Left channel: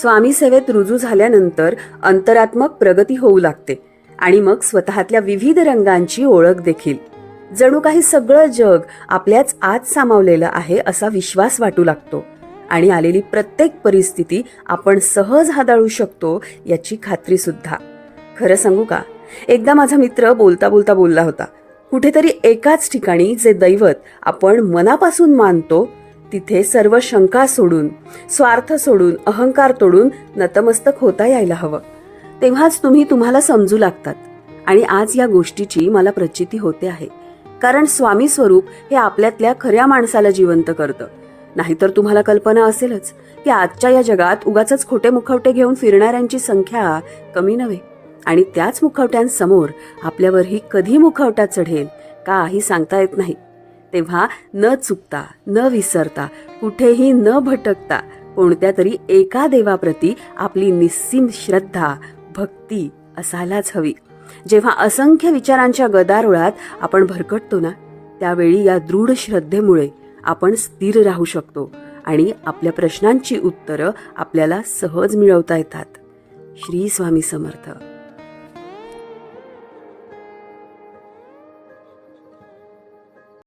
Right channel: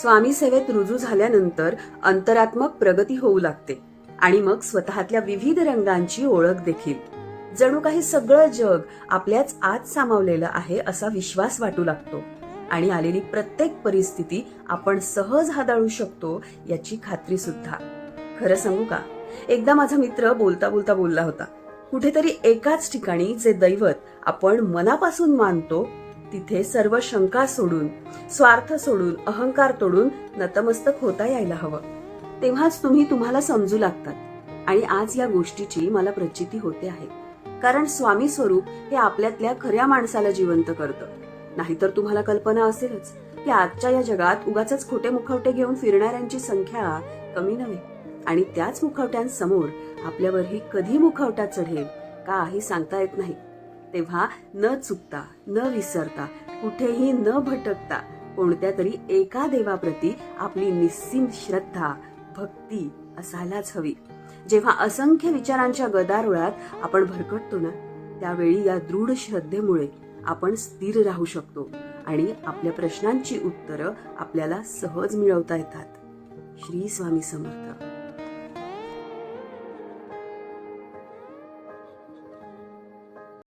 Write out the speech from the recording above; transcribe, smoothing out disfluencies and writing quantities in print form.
स्वामी सेवेत रुजू झाल्यानंतर अंतरात्मक प्रगती होऊ लागते आणि मग स्वतःतल्या विविध रंगांची ओळख देखील. जणू काही सगळं जग आपल्याच आत सामावलेलं आहे असा विश्वास वाटू लागतो आणि आलेली प्रत्येक परिस्थिती आपण सहज हाताळू शकतो याची खात्री सुद्धा. खरं सांगू का, एकदा माझा मित्र बोलता बोलता बोलला होता, कुठेतरी एकाच ठिकाणी जे दैवत आपण मनापासून मानतो तिथे सर्व शंका सोडून, स्वार्थ सोडून, अहंकार तोडून नतमस्तक होता यायला हवं. तेव्हाच तुम्ही तुम्हाला समजू लागतात. आणि आज या गोष्टीची मला प्रचिती होते आहे, कारण स्वामी स्वरूप हे आपल्यातल्या खऱ्या माणसाला जिवंत करतं. नाहीतर तुम्हाला कल्पना असेलच की आजच्या या जगात उगाचच खोटे मुखवटे घेऊन फिरणाऱ्यांची संख्या कमी नव्हे. आणि त्याच मुखवट्यांसमोर आपल्यावरही कधी मुखवटा चढेल काही सांगता येत नाही. तेव्हा न चुकता, न विसरता, कुठेही न भटकता कोणत्या तरी एका देवाप्रती आपली निस्सीम श्रद्धा, भक्ती असायलाच हवी. जेव्हा असंख्य विचारांच्या गदारोळात आपण भरकटतो ना, त्यावेळी या दृढ श्रद्धेमुळे आपण स्थिर राहू शकतो आणि आपल्या प्रश्नांची उत्तरं आपल्याला सहज मिळवता येतात. श्री स्वामी समर्थ.